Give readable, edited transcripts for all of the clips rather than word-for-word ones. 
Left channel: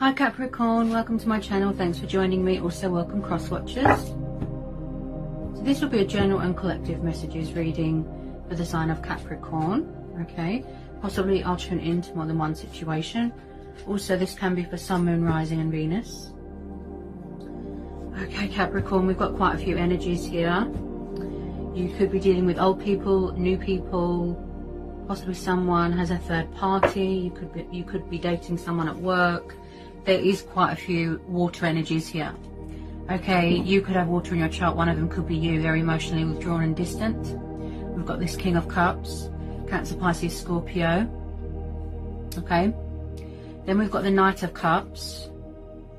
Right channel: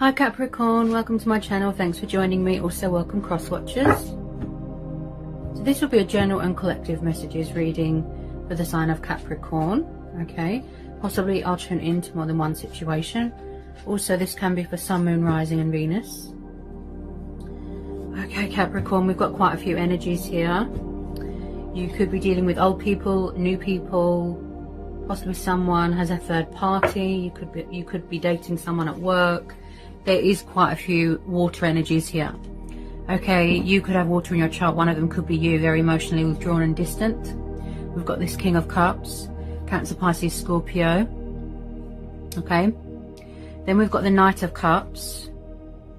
Hi Capricorn, welcome to my channel. Thanks for joining me. Also welcome cross watchers. So this will be a general and collective messages reading for the sign of Capricorn. Okay, possibly I'll tune into more than one situation. Also this can be for Sun, Moon, Rising and Venus. Okay Capricorn, we've got quite a few energies here. You could be dealing with old people, new people, possibly someone has a third party. You could be dating someone at work. There is quite a few water energies here. Okay, you could have water in your chart. One of them could be you, very emotionally withdrawn and distant. We've got this King of Cups, Cancer, Pisces, Scorpio. Okay, then we've got the Knight of Cups,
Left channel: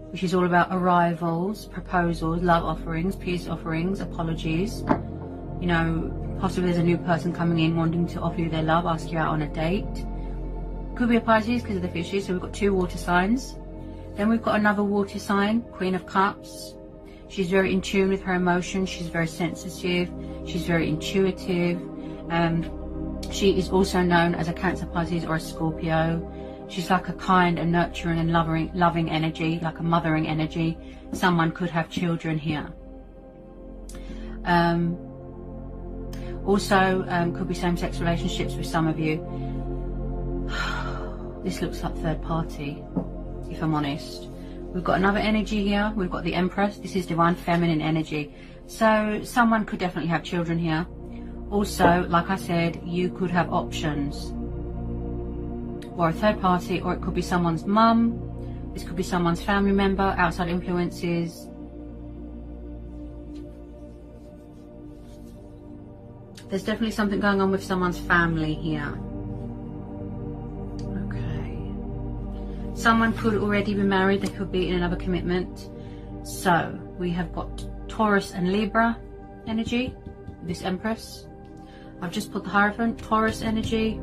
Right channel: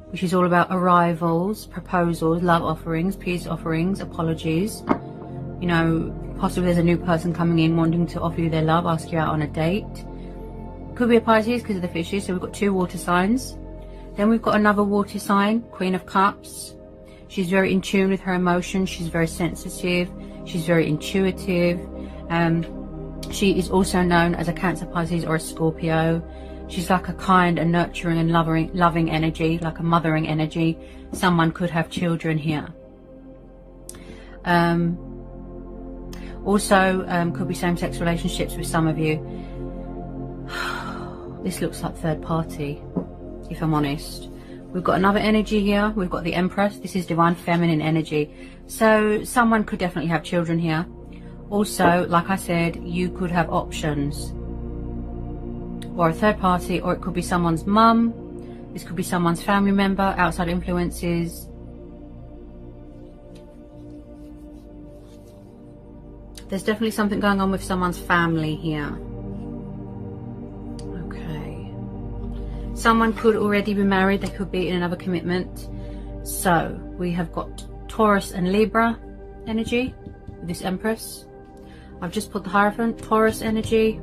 which is all about arrivals, proposals, love offerings, peace offerings, apologies. You know, possibly there's a new person coming in wanting to offer you their love, ask you out on a date. Could be a Pisces because of the fishes. So we've got two water signs. Then we've got another water sign, Queen of Cups. She's very in tune with her emotions. She's very sensitive. She's very intuitive. She is also known as a Cancer, Pisces or a Scorpio. She's like a kind and nurturing and loving energy, like a mothering energy. Someone could have children here. Also, could be same-sex relationships with some of you. This looks like third party, if I'm honest. We've got another energy here. We've got the Empress. This is divine feminine energy. So someone could definitely have children here. Also, like I said, you could have options. Or a third party, or it could be someone's mum. This could be someone's family member, outside influences. There's definitely something going on with someone's family here. Okay. Someone could already be married. They could be in another commitment. So we have got Taurus and Libra energy. This Empress. I've just put the Hierophant. Taurus energy.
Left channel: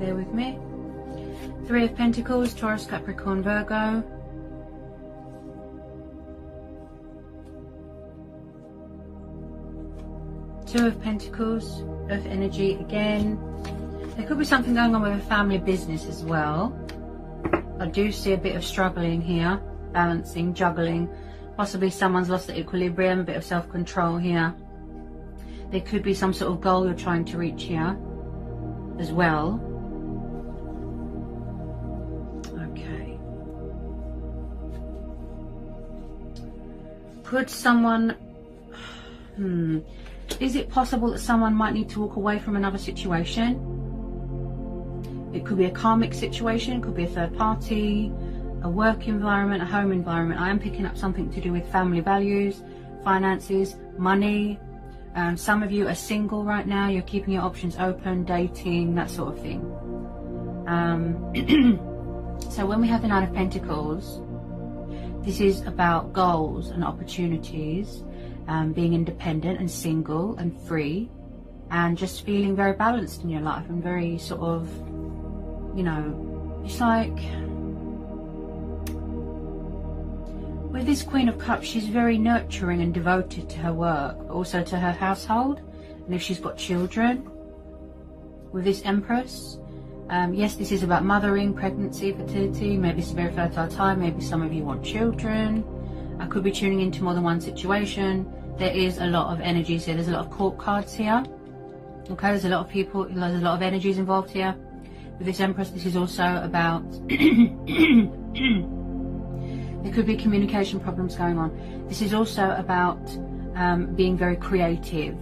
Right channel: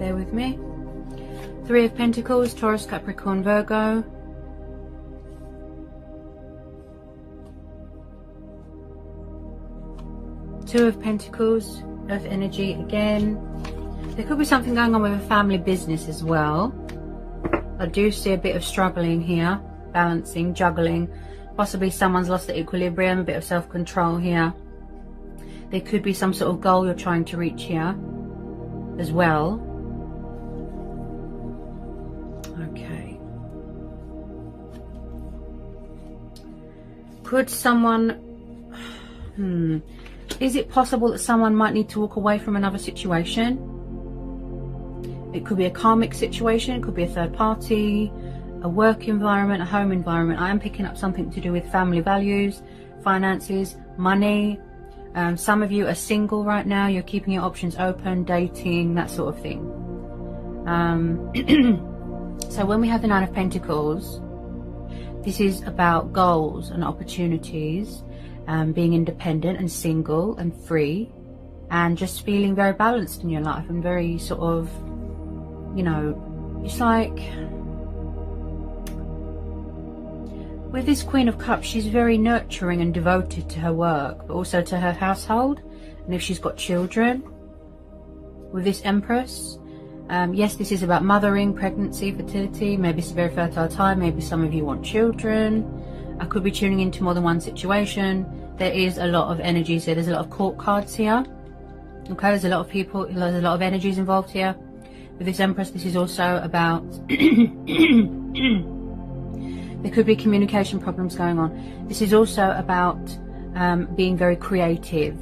Bear with me. Three of Pentacles. Taurus, Capricorn, Virgo. Two of Pentacles, Earth energy again. There could be something going on with a family business as well. I do see a bit of struggling here, balancing, juggling. Possibly someone's lost the equilibrium, a bit of self-control here. There could be some sort of goal you're trying to reach here as well. Okay. Could someone... Is it possible that someone might need to walk away from another situation? It could be a karmic situation, it could be a third party, a work environment, a home environment. I am picking up something to do with family values, finances, money. Some of you are single right now, you're keeping your options open, dating, that sort of thing. So when we have the Nine of Pentacles, this is about goals and opportunities. Being independent and single and free and just feeling very balanced in your life and very sort of, you know, it's like with this Queen of Cups, she's very nurturing and devoted to her work, but also to her household, and if she's got children. With this Empress, yes, this is about mothering, pregnancy, fertility. Maybe it's a very fertile time. Maybe some of you want children. I could be tuning into more than one situation. There is a lot of energies here. There's a lot of court cards here. Okay, there's a lot of people, there's a lot of energies involved here. With this Empress, this is also about... there could be communication problems going on. This is also about being very creative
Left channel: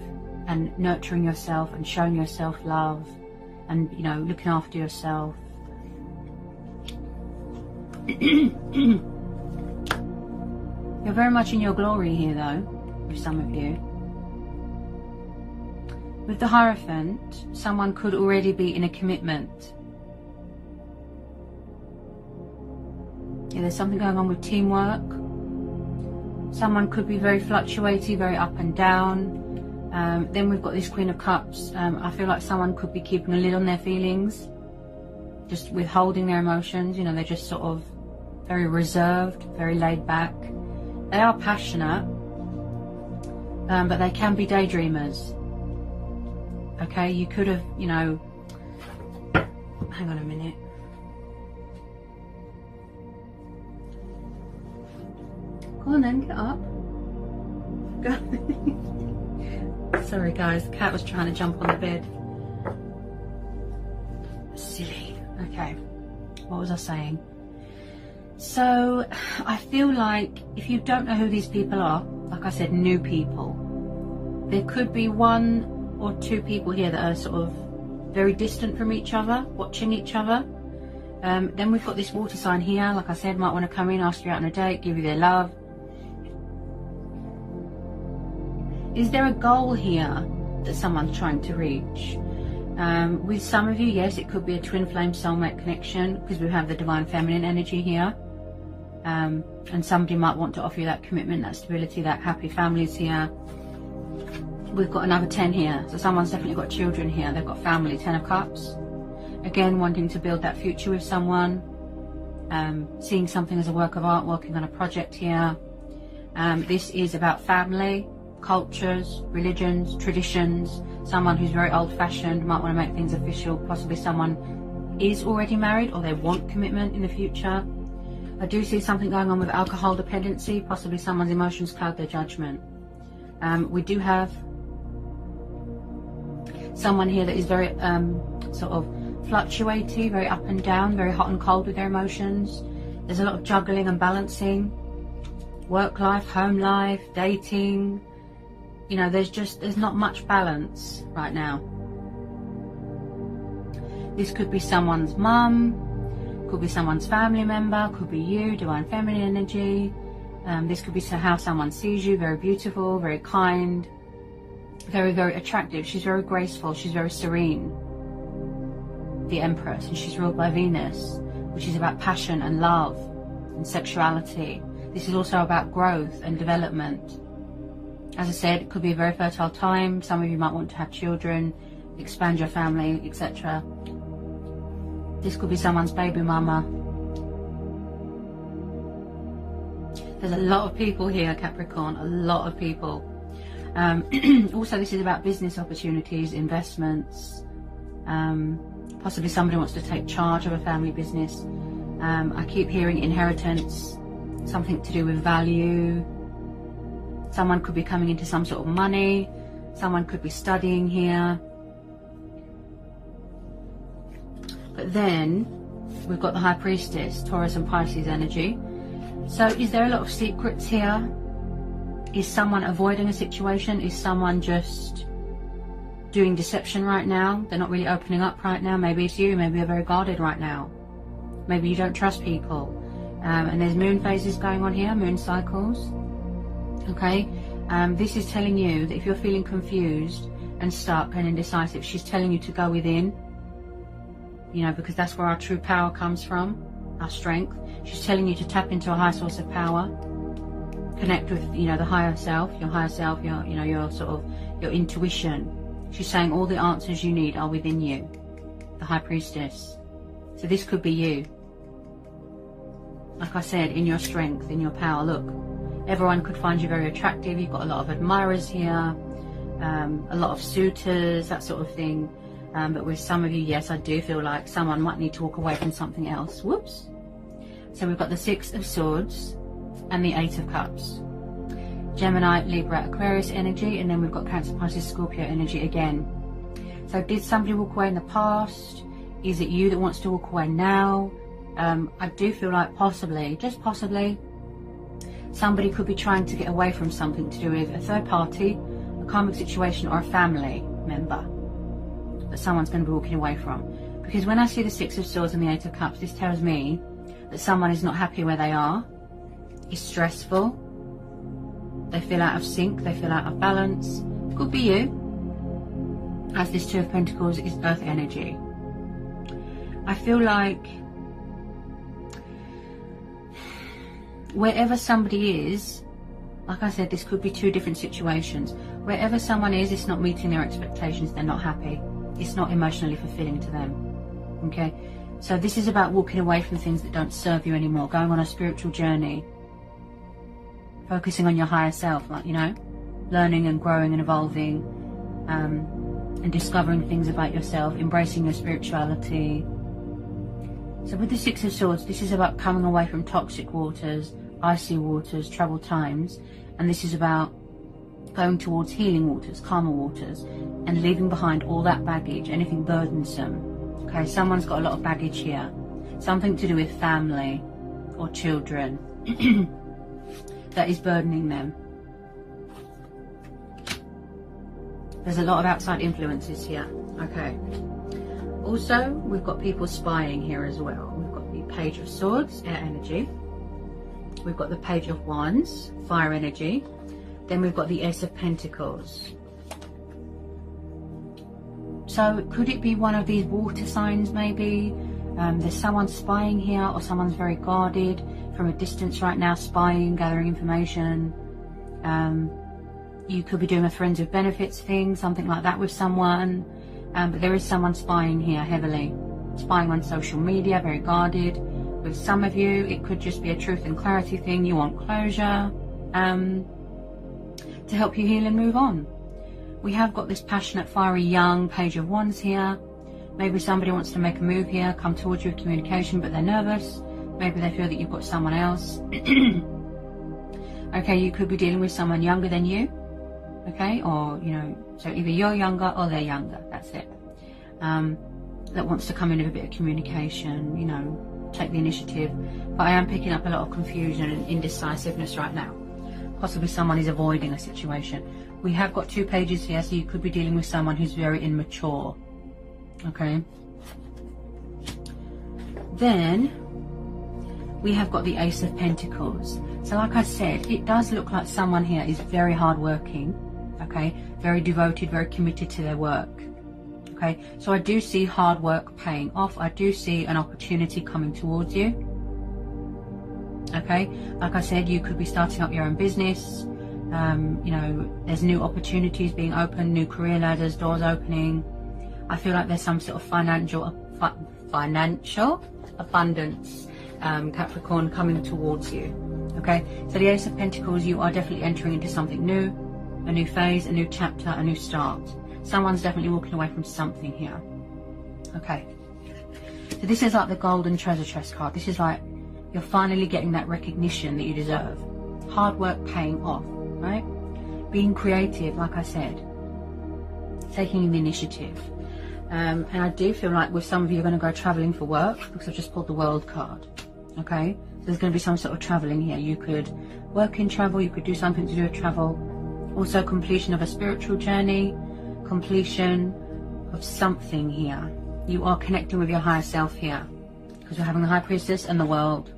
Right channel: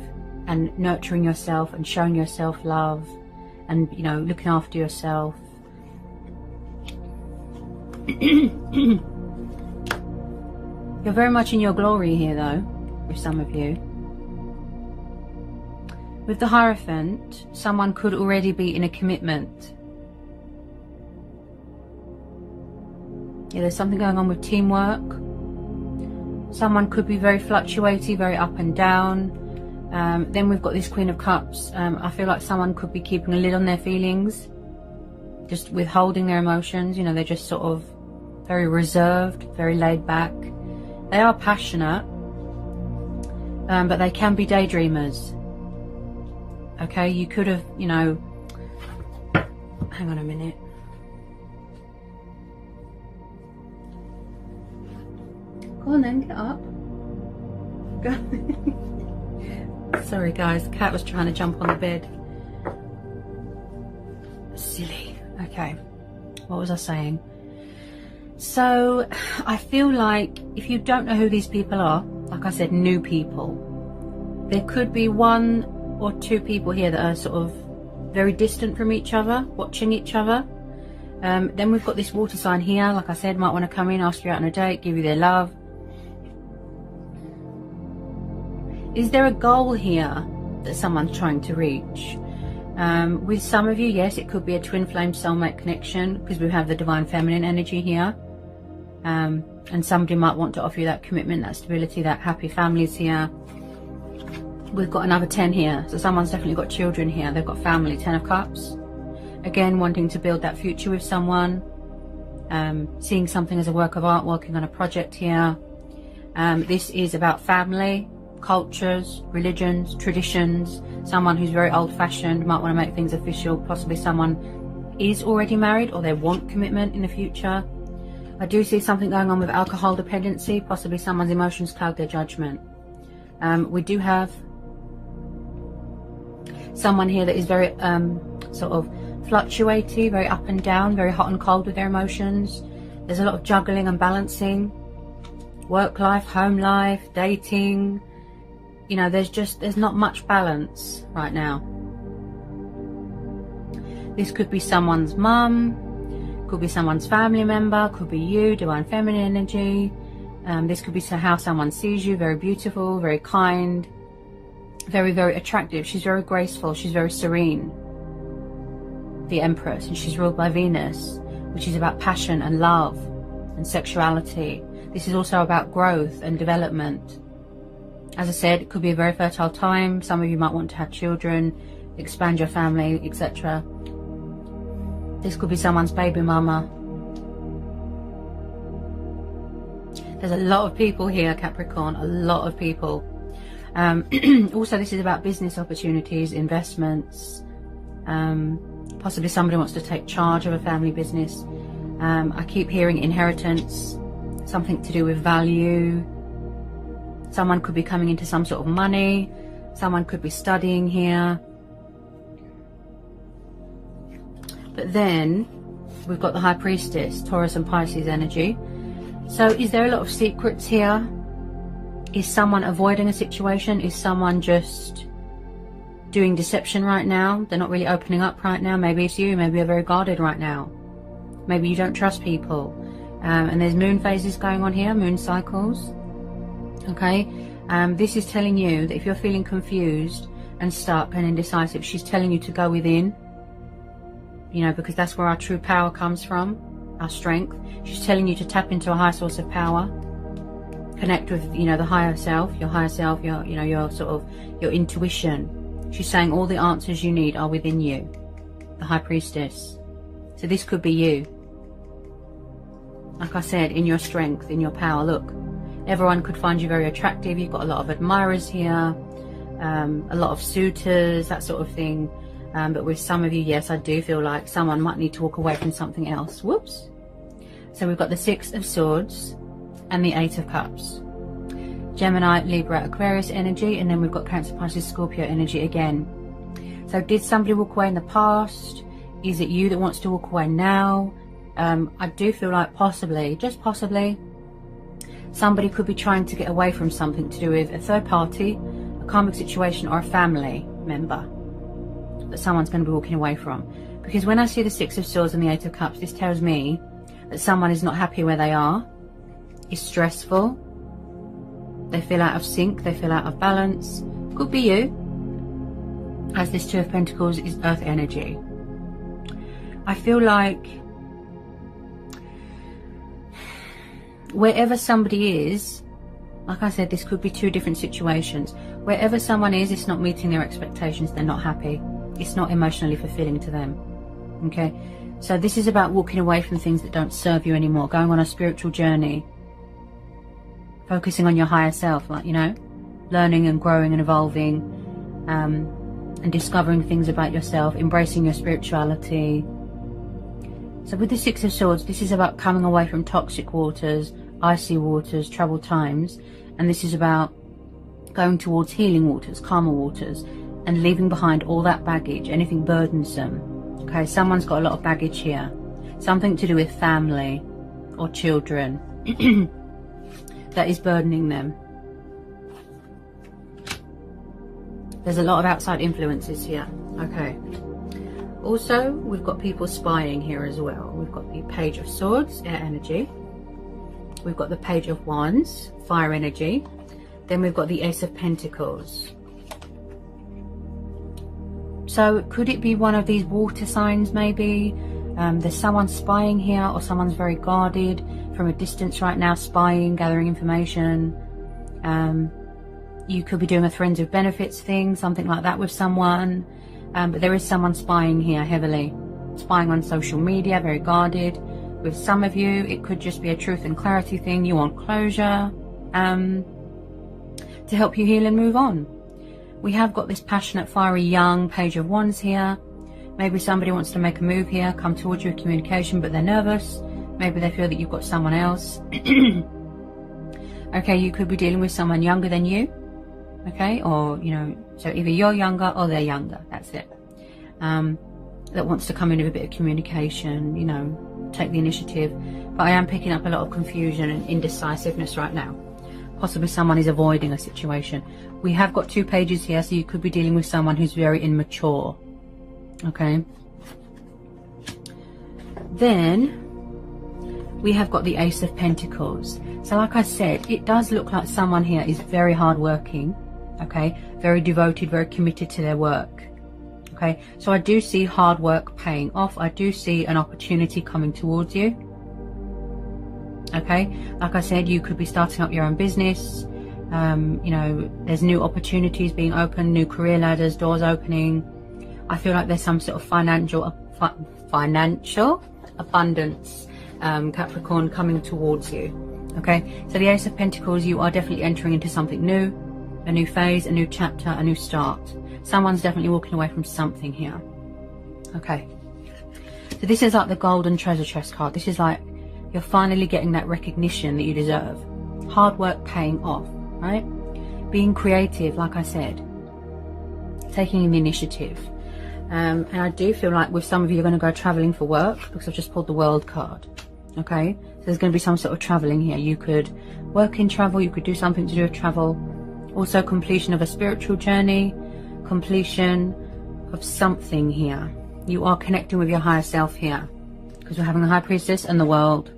and nurturing yourself and showing yourself love and, you know, looking after yourself. You're very much in your glory here though, with some of you. With the Hierophant, someone could already be in a commitment. Yeah, there's something going on with teamwork. Someone could be very fluctuating, very up and down. Then we've got this Queen of Cups. I feel like someone could be keeping a lid on their feelings, just withholding their emotions. You know, they're just sort of very reserved, very laid back. They are passionate, but they can be daydreamers. Okay, you could have, you know, hang on a minute. Go on then, get up. Go on. Sorry guys, the cat was trying to jump on the bed. Silly. Okay, what was I saying? So I feel like if you don't know who these people are, like I said, new people, there could be 1 or 2 people here that are sort of very distant from each other, watching each other. Then we've got this water sign here, like I said, might want to come in, ask you out on a date, give you their love. Is there a goal here that someone's trying to reach? With some of you, yes, it could be a twin flame soulmate connection, because we have the divine feminine energy here. And somebody might want to offer you that commitment, that stability, that happy families here. We've got another 10 here, so someone's definitely got children here, they've got family, 10 of cups. Again, wanting to build that future with someone, seeing something as a work of art, working on a project here. This is about family, cultures, religions, traditions. Someone who's very old-fashioned might want to make things official. Possibly someone is already married or they want commitment in the future. I do see something going on with alcohol dependency. Possibly someone's emotions cloud their judgment. We do have someone here that is very sort of fluctuating, very up and down, very hot and cold with their emotions. There's a lot of juggling and balancing. Work life, home life, dating. You know, there's not much balance right now. This could be someone's mum, could be someone's family member, could be you, divine feminine energy. This could be how someone sees you, very beautiful, very kind, very, very attractive. She's very graceful, she's very serene. The Empress, and she's ruled by Venus, which is about passion and love and sexuality. This is also about growth and development. As I said, it could be a very fertile time. Some of you might want to have children, expand your family, etc. This could be someone's baby mama. There's a lot of people here, Capricorn, a lot of people. Also, this is about business opportunities, investments. Possibly somebody wants to take charge of a family business. I keep hearing inheritance, something to do with value. Someone could be coming into some sort of money. Someone could be studying here. But then we've got the High Priestess, Taurus and Pisces energy. So is there a lot of secrets here? Is someone avoiding a situation? Is someone just doing deception right now? They're not really opening up right now. Maybe it's you. Maybe you're very guarded right now. Maybe you don't trust people. And there's moon phases going on here, moon cycles. Okay, this is telling you that if you're feeling confused and stuck and indecisive, she's telling you to go within, you know, because that's where our true power comes from, our strength. She's telling you to tap into a higher source of power, connect with, you know, the higher self, your, you know, your sort of, your intuition. She's saying all the answers you need are within you, the High Priestess. So this could be you. Like I said, in your strength, in your power. Look, everyone could find you very attractive. You've got a lot of admirers here, a lot of suitors, that sort of thing. But with some of you, yes, I do feel like someone might need to walk away from something else. Whoops. So we've got the 6 of Swords and the 8 of Cups. Gemini, Libra, Aquarius energy, and then we've got Cancer, Pisces, Scorpio energy again. So did somebody walk away in the past? Is it you that wants to walk away now? I do feel like possibly, just possibly, somebody could be trying to get away from something to do with a third party, a karmic situation, or a family member that someone's going to be walking away from. Because when I see the 6 of Swords and the 8 of Cups, this tells me that someone is not happy where they are, is stressful, they feel out of sync, they feel out of balance. Could be you, as this 2 of Pentacles is Earth energy. I feel like wherever somebody is, like I said, this could be 2 different situations. Wherever someone is, it's not meeting their expectations, they're not happy. It's not emotionally fulfilling to them. Okay, so this is about walking away from things that don't serve you anymore, going on a spiritual journey, focusing on your higher self, you know, learning and growing and evolving, and discovering things about yourself, embracing your spirituality, So with the Six of Swords, this is about coming away from toxic waters, icy waters, troubled times, and this is about going towards healing waters, calmer waters, and leaving behind all that baggage, anything burdensome. Okay, someone's got a lot of baggage here, something to do with family or children that is burdening them. There's a lot of outside influences here. Okay. Also, we've got people spying here as well. We've got the Page of Swords, air energy. We've got the Page of Wands, fire energy. Then we've got the Ace of Pentacles. So could it be one of these water signs maybe? There's someone spying here, or someone's very guarded from a distance right now, spying, gathering information. You could be doing a friends with benefits thing, something like that with someone. But there is someone spying here heavily. Spying on social media, very guarded. With some of you, it could just be a truth and clarity thing. You want closure to help you heal and move on. We have got this passionate, fiery, young Page of Wands here. Maybe somebody wants to make a move here, come towards you with communication, but they're nervous. Maybe they feel that you've got someone else. Okay, you could be dealing with someone younger than you. Okay, or, you know, so either you're younger or they're younger. That's it. That wants to come in with a bit of communication, you know, take the initiative. But I am picking up a lot of confusion and indecisiveness right now. Possibly someone is avoiding a situation. We have got 2 pages here, so you could be dealing with someone who's very immature. Okay. Then we have got the Ace of Pentacles. So like I said, it does look like someone here is very hardworking. Okay, very devoted, very committed to their work. Okay, so I do see hard work paying off. I do see an opportunity coming towards you. Okay, like I said, you could be starting up your own business. You know, there's new opportunities being opened, new career ladders, doors opening. I feel like there's some sort of financial abundance, Capricorn, coming towards you. Okay, so the Ace of Pentacles, you are definitely entering into something new, a new phase, a new chapter, a new start. Someone's definitely walking away from something here. Okay, so this is like the golden treasure chest card. This is like you're finally getting that recognition that you deserve. Hard work paying off, right? Being creative, like I said, taking the initiative. And I do feel like with some of you are going to go traveling for work, because I've just pulled the World card. Okay, so there's going to be some sort of traveling here. You could work in travel, you could do something to do with travel. Also completion of a spiritual journey, completion of something here. You are connecting with your higher self here, because we're having the High Priestess and the World.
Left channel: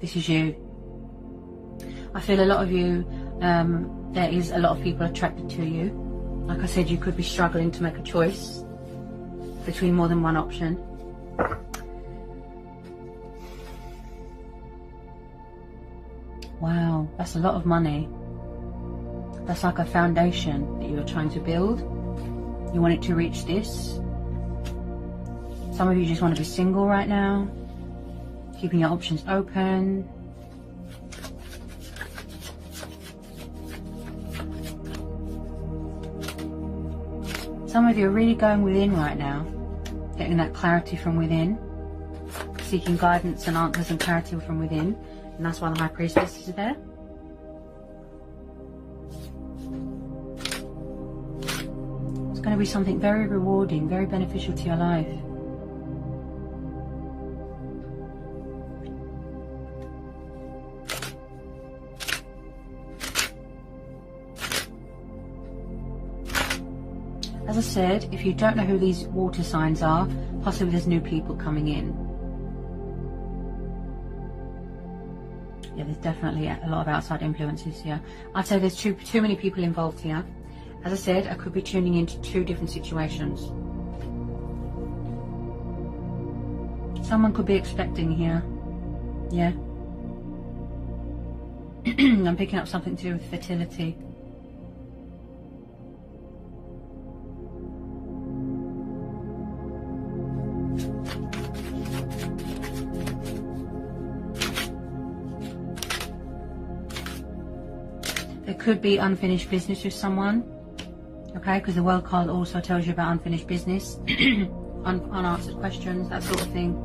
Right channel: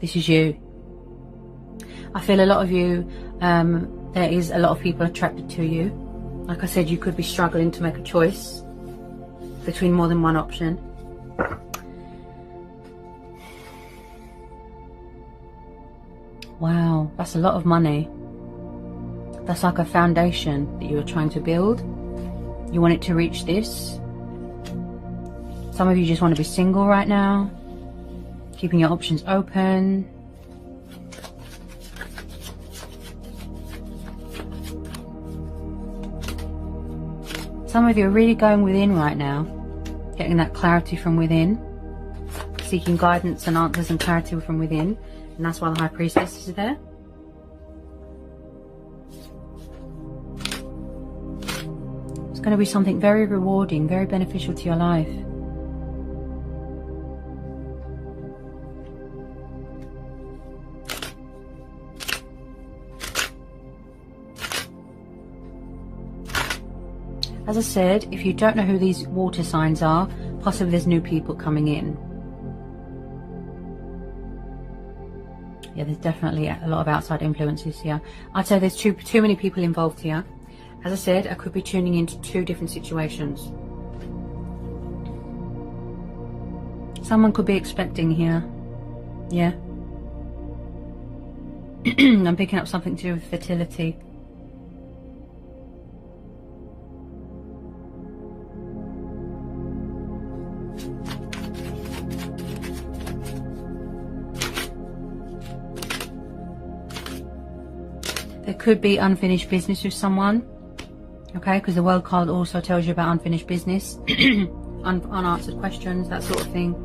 This is you. I feel a lot of you, there is a lot of people attracted to you. Like I said, you could be struggling to make a choice between more than one option. Wow, that's a lot of money. That's like a foundation that you are trying to build. You want it to reach this. Some of you just want to be single right now, keeping your options open. Some of you are really going within right now, getting that clarity from within, seeking guidance and answers and clarity from within, and that's why the High Priestess is there. It's going to be something very rewarding, very beneficial to your life. As I said, if you don't know who these water signs are, possibly there's new people coming in. Yeah, there's definitely a lot of outside influences here. I'd say there's too many people involved here. As I said, I could be tuning into 2 different situations. Someone could be expecting here. Yeah. I'm picking up something to do with fertility. There could be unfinished business with someone, okay, because the World card also tells you about unfinished business, unanswered questions, that sort of thing.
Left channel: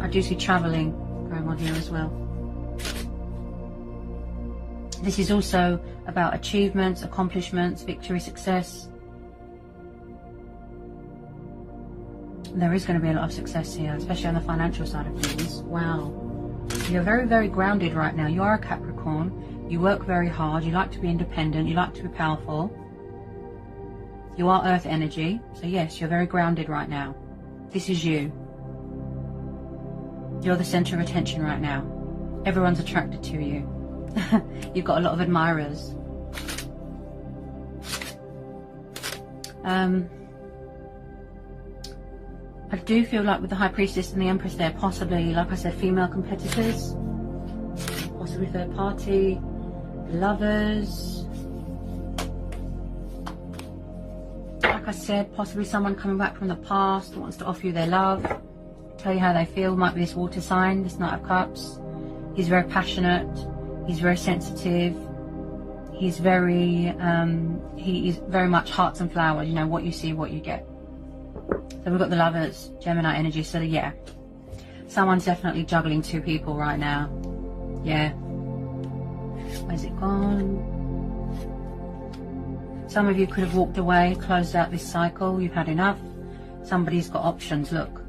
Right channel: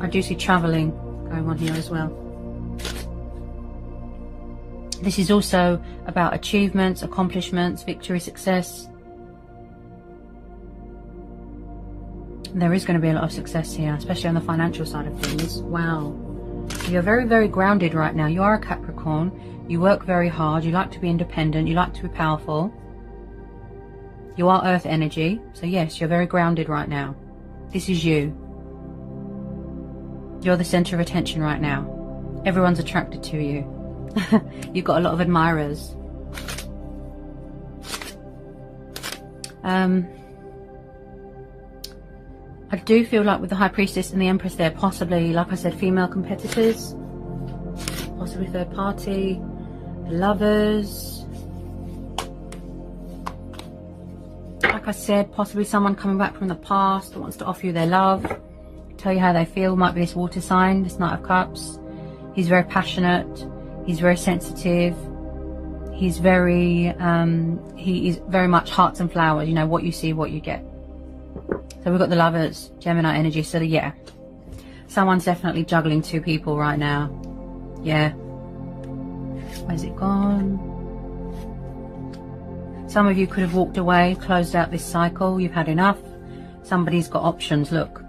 I do see travelling going on here as well. This is also about achievements, accomplishments, victory, success. There is going to be a lot of success here, especially on the financial side of things. Wow. You're very, very grounded right now. You are a Capricorn. You work very hard. You like to be independent. You like to be powerful. You are earth energy. So yes, you're very grounded right now. This is you. You're the center of attention right now. Everyone's attracted to you. You've got a lot of admirers. I do feel like with the High Priestess and the Empress there, possibly, like I said, female competitors, possibly third party, lovers. Like I said, possibly someone coming back from the past that wants to offer you their love, tell you how they feel. Might be this water sign, this Knight of Cups. He's very passionate. He's very sensitive. He's very, he is very much hearts and flowers. You know, what you see, what you get. So we've got the Lovers, Gemini energy. So yeah, someone's definitely juggling two people right now. Yeah. Where's it gone? Some of you could have walked away, closed out this cycle. You've had enough. Somebody's got options. Look,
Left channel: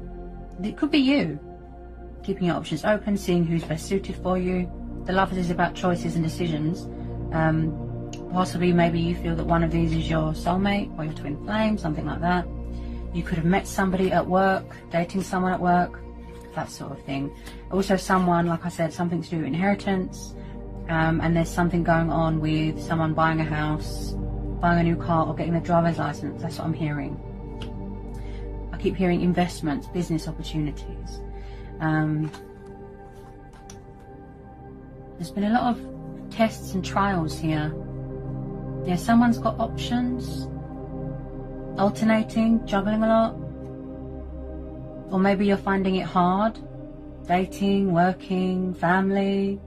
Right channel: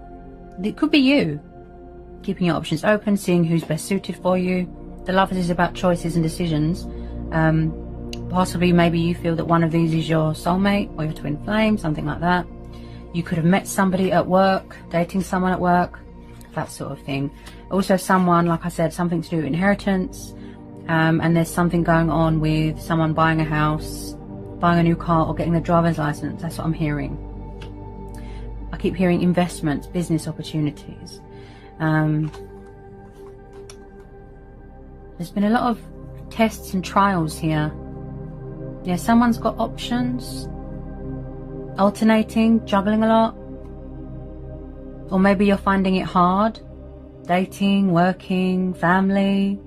it could be you. Keeping your options open, seeing who's best suited for you. The Lovers is about choices and decisions. Possibly, maybe you feel that one of these is your soulmate or your twin flame, something like that. You could have met somebody at work, dating someone at work, that sort of thing. Also someone, like I said, something to do with inheritance. And there's something going on with someone buying a house, buying a new car, or getting a driver's license. That's what I'm hearing. I keep hearing investments, business opportunities. There's been a lot of tests and trials here. Yeah, someone's got options. Alternating, juggling a lot. Or maybe you're finding it hard. Dating, working, family.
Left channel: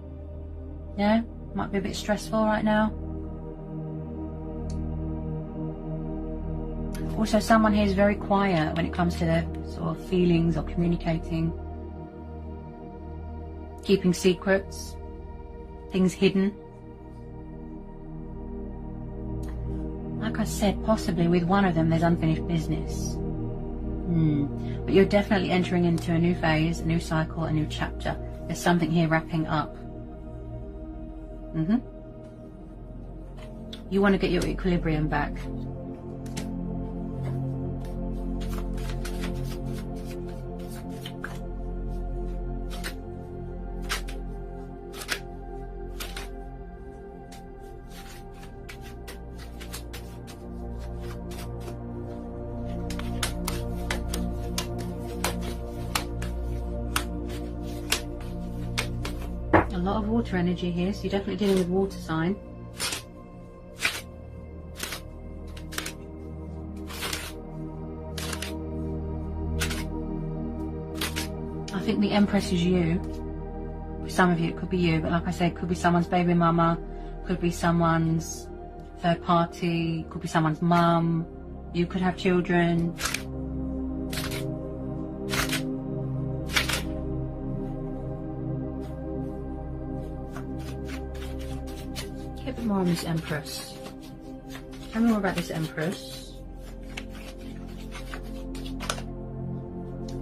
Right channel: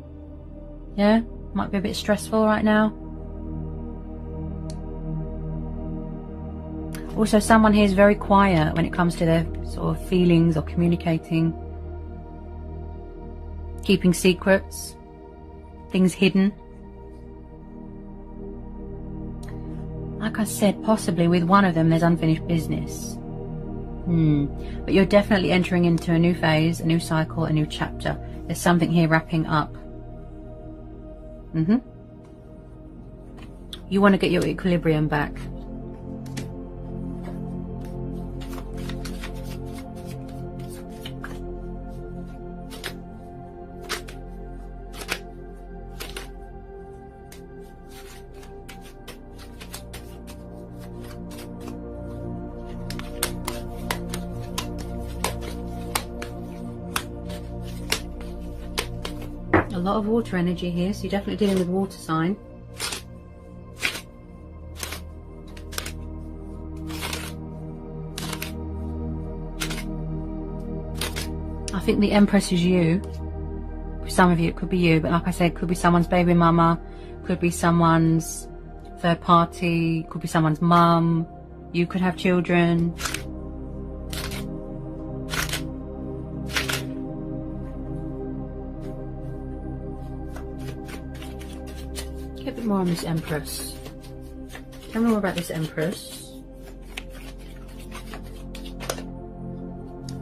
Yeah, might be a bit stressful right now. Also, someone here is very quiet when it comes to their sort of feelings or communicating. Keeping secrets. Things hidden. Like I said, possibly with one of them there's unfinished business. But you're definitely entering into a new phase, a new cycle, a new chapter. There's something here wrapping up. You want to get your equilibrium back. A lot of water energy here, so you're definitely dealing with water sign. I think the Empress is you. For some of you it could be you, but like I said, it could be someone's baby mama, could be someone's third party, could be someone's mum. You could have children. Get a bit more on this Empress. Tell me more about this Empress.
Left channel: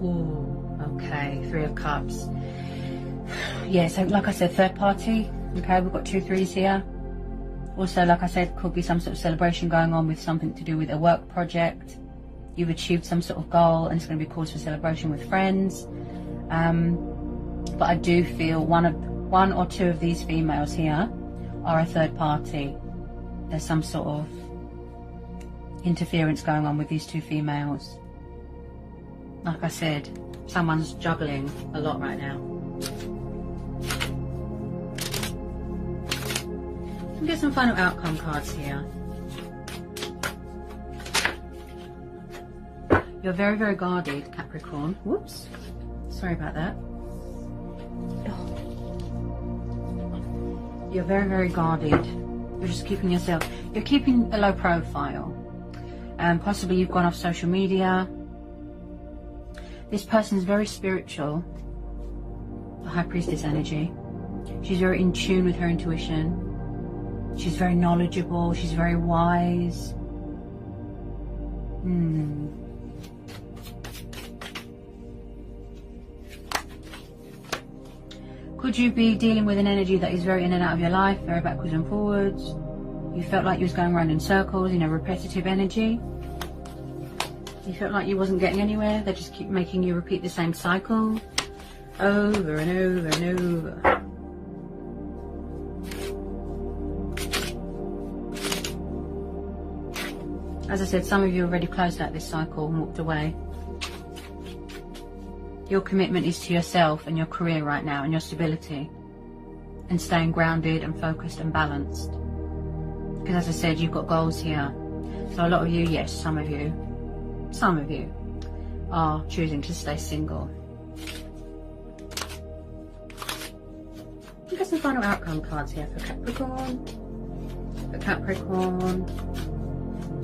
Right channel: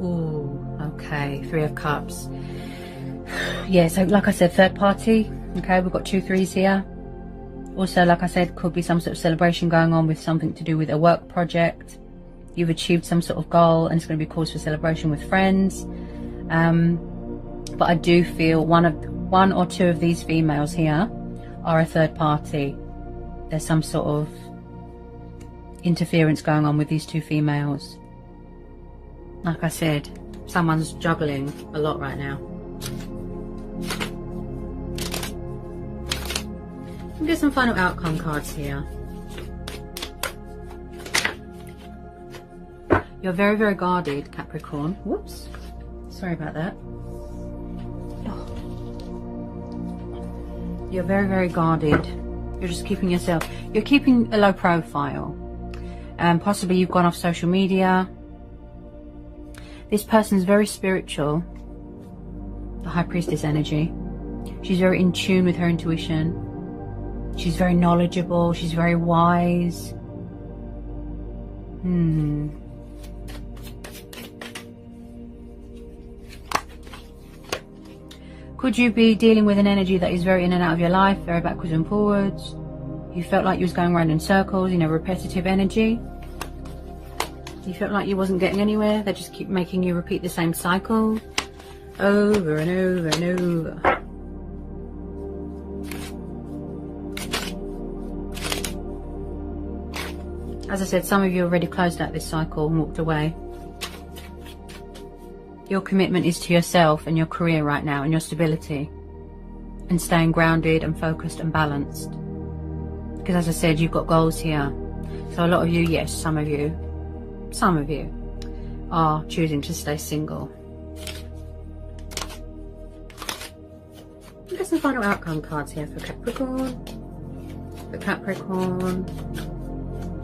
Ooh, okay, Three of Cups. Yeah, so like I said, third party. Okay, we've got 2 3s here. Also, like I said, could be some sort of celebration going on with something to do with a work project. You've achieved some sort of goal and it's going to be cause for celebration with friends. But I do feel one or two of these females here are a third party. There's some sort of interference going on with these 2 females. Like I said, someone's juggling a lot right now. I'll get some final outcome cards here. You're very, very guarded, Capricorn. Whoops. Sorry about that. Oh. You're very, very guarded. You're just keeping yourself. You're keeping a low profile. Possibly you've gone off social media. This person's very spiritual. High Priestess energy. She's very in tune with her intuition. She's very knowledgeable. She's very wise. Could you be dealing with an energy that is very in and out of your life, very backwards and forwards? You felt like you was going around in circles, repetitive energy. You felt like you wasn't getting anywhere. They just keep making you repeat the same cycle over and over and over. As I said, some of you already closed out this cycle and walked away. Your commitment is to yourself and your career right now and your stability and staying grounded and focused and balanced. Because as I said, you've got goals here. So a lot of you, yes, some of you are choosing to stay single. Look at some final outcome cards here for Capricorn.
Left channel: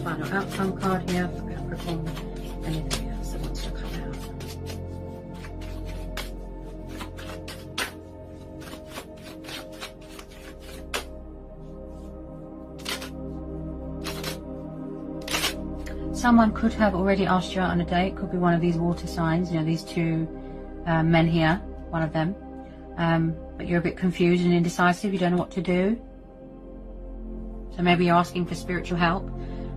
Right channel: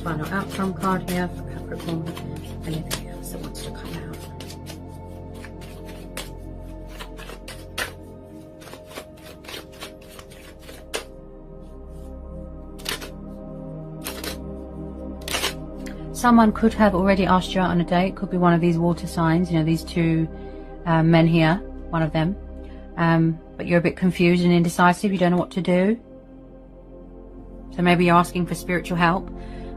Final outcome card here for Capricorn. Anything else that wants to come out? Someone could have already asked you out on a date. Could be one of these water signs, these two men here, one of them. But you're a bit confused and indecisive. You don't know what to do. So maybe you're asking for spiritual help.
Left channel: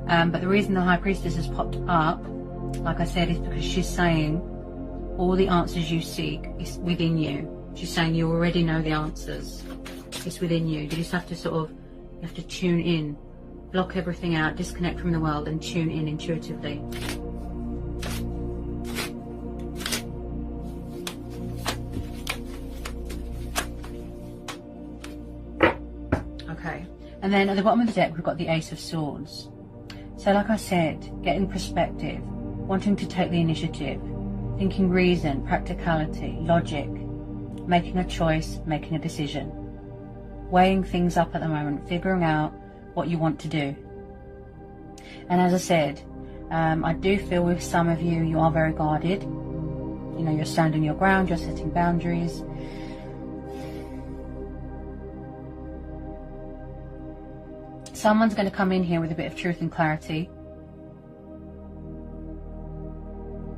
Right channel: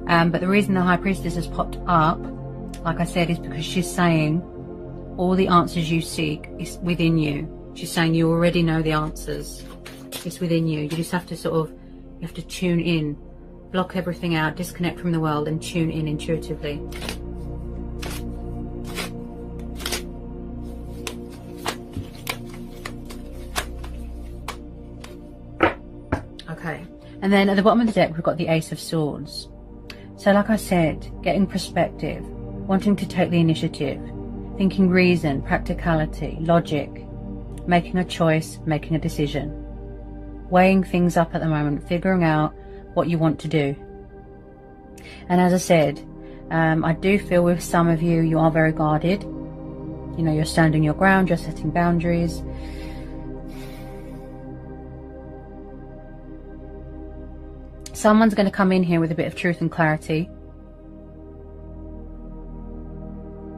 But the reason the High Priestess has popped up, like I said, is because she's saying all the answers you seek is within you. She's saying you already know the answers. It's within you. You just have to you have to tune in. Block everything out, disconnect from the world and tune in intuitively. Okay, and then at the bottom of the deck we've got the Ace of Swords. So like I said, getting perspective, wanting to take the initiative, thinking reason, practicality, logic, making a choice, making a decision, weighing things up at the moment, figuring out what you want to do. And as I said, I do feel with some of you, you are very guarded. You're standing your ground, you're setting boundaries. Someone's going to come in here with a bit of truth and clarity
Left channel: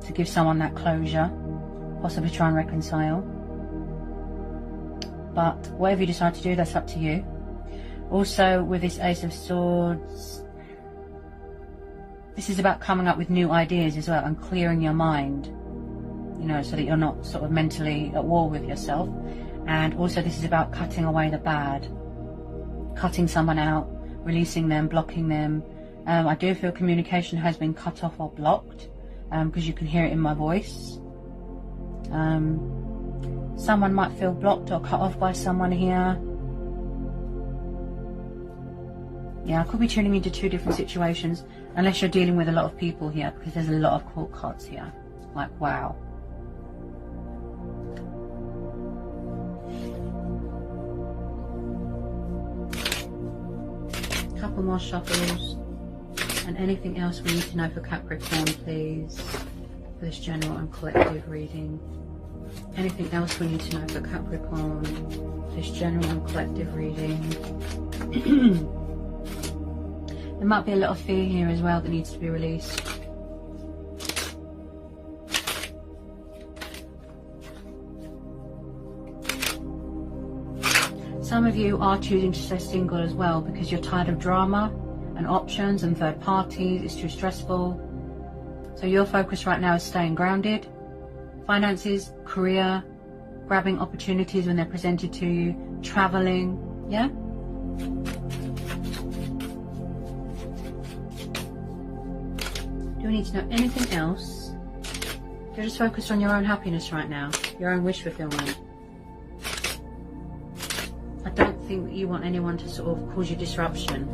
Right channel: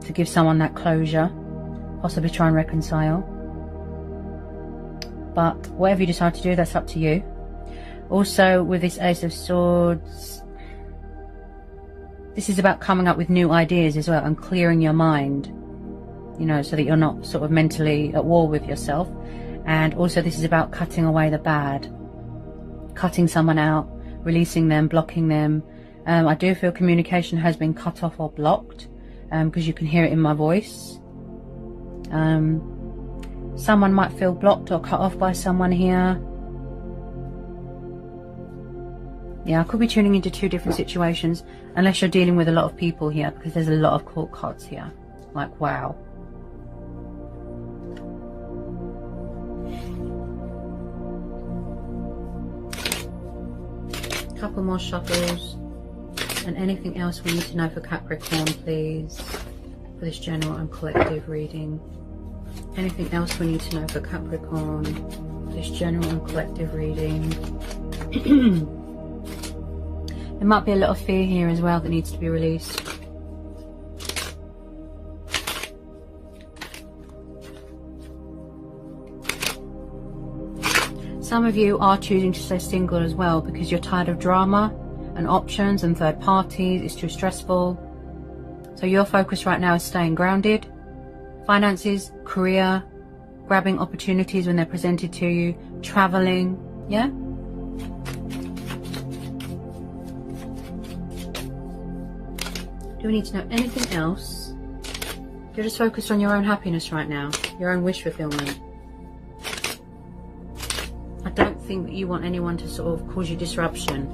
to give someone that closure, possibly try and reconcile. But whatever you decide to do, that's up to you. Also, with this Ace of Swords, this is about coming up with new ideas as well and clearing your mind, so that you're not mentally at war with yourself. And also this is about cutting away the bad, cutting someone out, releasing them, blocking them. I do feel communication has been cut off or blocked, because you can hear it in my voice. Someone might feel blocked or cut off by someone here. Yeah, I could be tuning into two different situations, unless you're dealing with a lot of people here, because there's a lot of court cards here. Like, wow. Couple more shuffles. And anything else we need to know for Capricorn, please, for this general and collective reading. Anything else we need to know for Capricorn, this general and collective reading. There might be a lot of fear here as well that needs to be released. Some of you are choosing to stay single as well because you're tired of drama and options and third parties. It's too stressful. So your focus right now is staying grounded. Finances, career, grabbing opportunities when they're presented to you, traveling, yeah? Do we need to know anything else? You're just focused on your own happiness right now, your own wish fulfillment. I don't think that you want anyone to cause you disruption.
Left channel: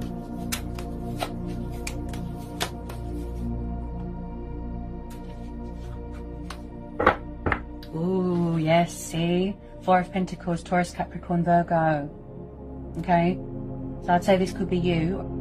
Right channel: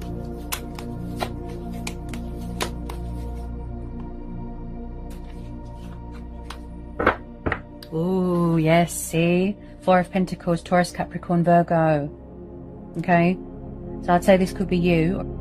Ooh, yes, see? Four of Pentacles, Taurus, Capricorn, Virgo. Okay? So I'd say this could be you.